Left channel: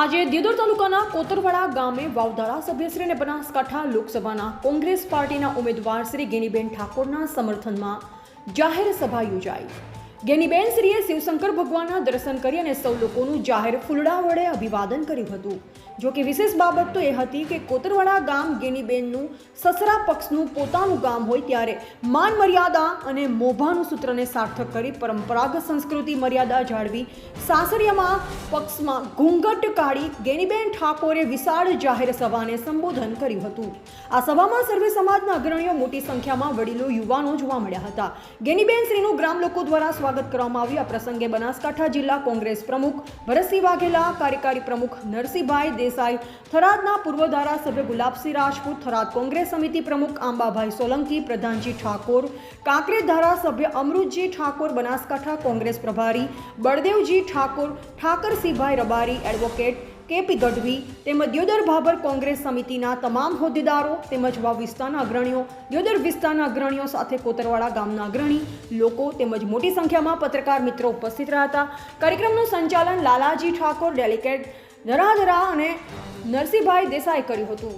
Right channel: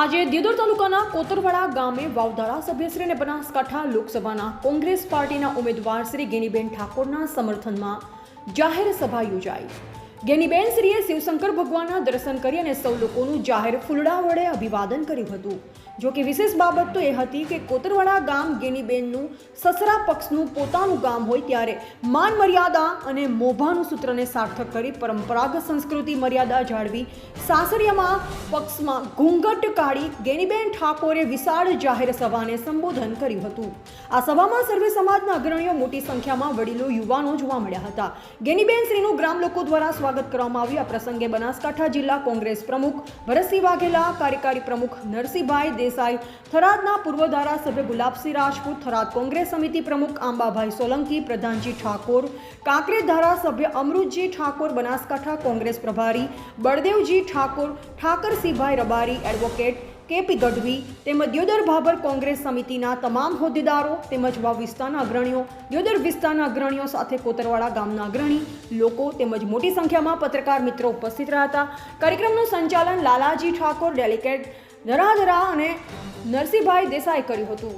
આજે દિયોદર તાલુકાના કોતરવાડા ગામે વાવ ધારાસભ્યશ્રી અને બનાસકાંઠા લોકસભાના કોંગ્રેસ પાર્ટીના ઉમેદવાર શ્રી ગેનીબેન ઠાકોરના સમર્થનમાં જાહેર સભા યોજાઈ। ગેનીબેન શ્રીએ શિવશંકર ભગવાનના દર્શન કરી અને સૌ લોકોનું જાહેર ફૂલડા વડે અભિવાદન કર્યું હતું। જો કે વિશેષ બાબત તો એ હતી કે કોતરવાડા ગામ ગેનીબેનનું સસરા પક્ષનું પોતાનું ગામ હોય ત્યારે માન મર્યાદા અને મોભાનું સૂત્રને સાર્થક કરી પરંપરાગત સંસ્કૃતિ મર્યાદા જાળવી સાસરિયામાં પક્ષમાં ઘૂંઘટ કાઢી ગેનીબેન ઠાકોરે વિશાળ જાહેર સભાને સંબોધન કર્યું હતું। આ સભામાં સર્વે સમાજના અગ્રણીઓ મોટી સંખ્યામાં વડીલો યુવાનો જોવા મળ્યા હતા। ગેનીબેન શ્રીનું ગ્રામ લોકો દ્વારા સ્વાગત કરવામાં આવ્યું। આ પ્રસંગે બનાસકાંઠા જિલ્લા કોંગ્રેસ પ્રમુખ ભરતસિંહ વાઘેલા, કાર્યકારી પ્રમુખ નરસિંહભાઈ દેસાઈ, થરાદના પૂર્વ ધારાસભ્ય ગુલાબસિંહ રાજપૂત, થરાદ કોંગ્રેસ સમિતિ પ્રમુખ આંબાભાઈ સોલંકી, પ્રધાનજી ઠાકોર, કાંકરેજ ધારાસભ્ય અમૃતજી ઠાકોર, બનાસકાંઠા કોંગ્રેસ પ્રભારી બળદેવજી ઠાકોર, ઠાકરસિંહભાઈ રબારી, એડવોકેટ કેપી ગઢવી તેમજ દિયોદર ભાભર કોંગ્રેસ સમિતિના તમામ હોદ્દેદારો તેમજ વાવ વિસ્તારના અગ્રણીઓ, દિયોદર વિસ્તારના અગ્રણીઓ સાથે કોતરવાડા ગામના અગ્રણી લોકો તેમજ મોટી સંખ્યામાં પત્રકાર મિત્રો ઉપસ્થિત રહ્યા હતા। કાર્યક્રમનું સંચાલન લાલાજી ઠાકોર, ડેલિગેટ ધરાધરા અને નરસિંહભાઈ દેસાઈ કર્યું હતું।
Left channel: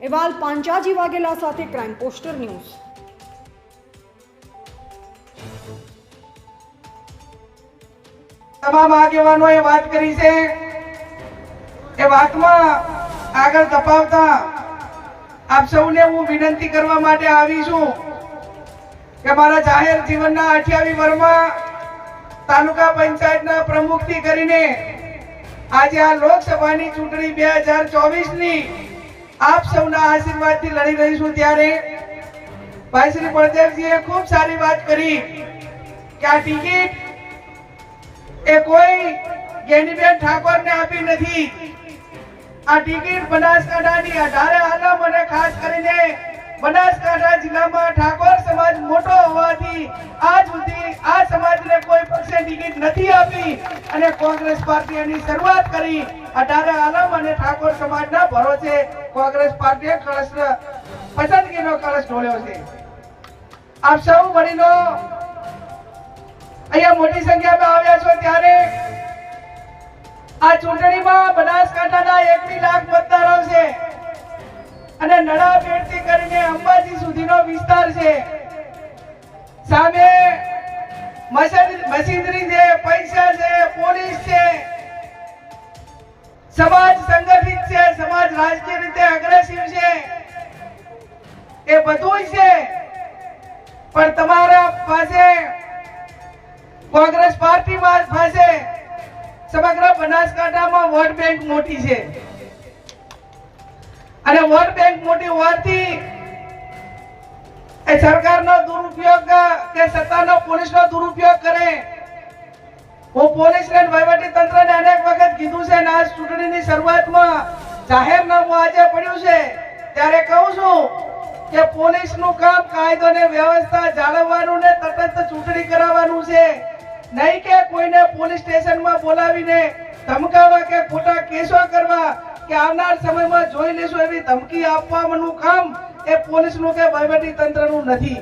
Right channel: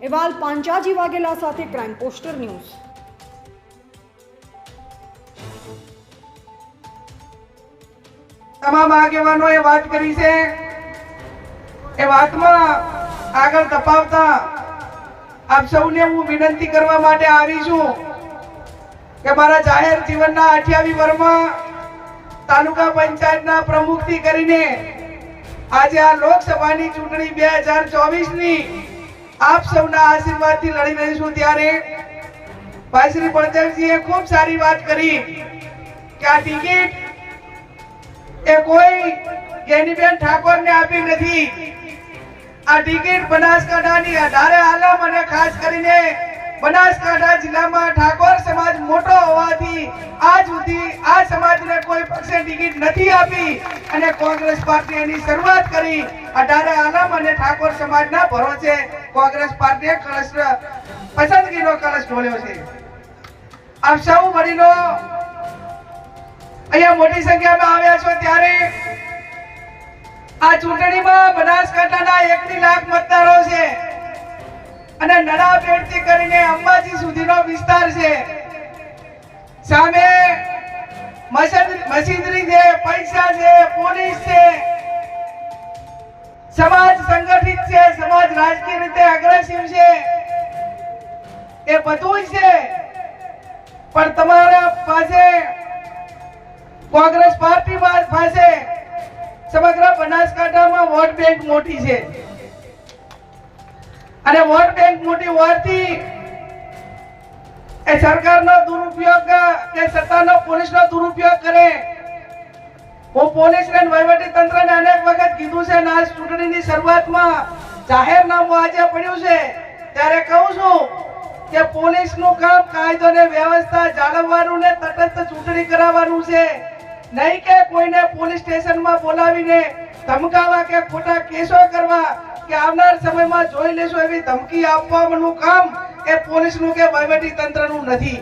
અહેવાલ પાંચાજી વાઘેલા સાથે ક્રાઇમ પોસ્ટર ન્યૂઝ। તમામ આગેવાનોએ વાત કરી છે એ વાતમાં આગળ તપાવતા આપ સૌને હું વિનંતી કરવા માટે આવી છું કે મારા જાહેર જીવનના 28 વર્ષમાં તાલુકા પંચાયતના પ્રમુખથી કરીને આજે આ લોકસભાની ચૂંટણી 2024ની આપ સૌના આશીર્વાદથી લડી રહી છું। ત્યારે ભાઈ શ્રી બળદેવજીએ ખૂબ સારી વાત કરી કે આ ટિકિટ એ કોઈ ગેનીબેન ઠાકોરને આપી નથી। આ ટિકિટ બનાસકાંઠાની 18 આલમ અને ખાસ કરીને બનાસકાંઠા જિલ્લામાં ઠાકોર સમાજ મોટો હોવાથી આજ સુધી આ સમાજને કોઈ પક્ષે ટિકિટ નથી આપી અને કોંગ્રેસ પાર્ટી એની શરૂઆત કરી। 18 આલમ અને ઠાકોર સમાજના ભરોસે કોંગ્રેસ પાર્ટીએ કળશ પસંદગીનો કળશ ઢોળ્યો છે। આપ સૌ વડીલો અહીંયા મોટી સંખ્યામાં આવ્યા છો ત્યારે આ ચૂંટણીમાં બનાસકાંઠાના 1 લાખ મતદારો છે અને નડાબેટથી કરીને અંબાજી સુધીનો વિસ્તાર છે। સામે મશીનરી છે, પૈસા છે, પોલીસ છે, સમાજ સંગઠિત છે, સમાજ રાજકીય રીતે અગ્રેસિવ છે, એ બધું છે। પણ તમારા પાસે કોંગ્રેસ પાર્ટી પાસે સમગ્ર બનાસકાંઠામાં વોટ બેંક મોટી છે અને વોટ બેંક મોટી હોવાથી એ સરકારનો દુરુપયોગ કે સત્તાનો પોલીસનો દુરુપયોગ કરે। હું પોલીસને વહીવટી તંત્રને અનેક વખત કીધું છે અને આ ચૂંટણીની શરૂઆતમાં જાહેરનામું આજે પડ્યું છે ત્યારે કહું છું કે પોલીસનું કામ કાયદો અને વ્યવસ્થા જાળવવાનું ને તટસ્થ ચૂંટણી કરાવવાનું છે, નહીં કે કોઈને પોલીસ સ્ટેશનમાં બોલાવીને ધમકાવા કે ખોટા કેસો કરવા કે આવનાર સમયમાં જોઈ લેશું એવી ધમકી આપવાનું કામ એ પોલીસનું કે વહીવટી તંત્રનું નથી।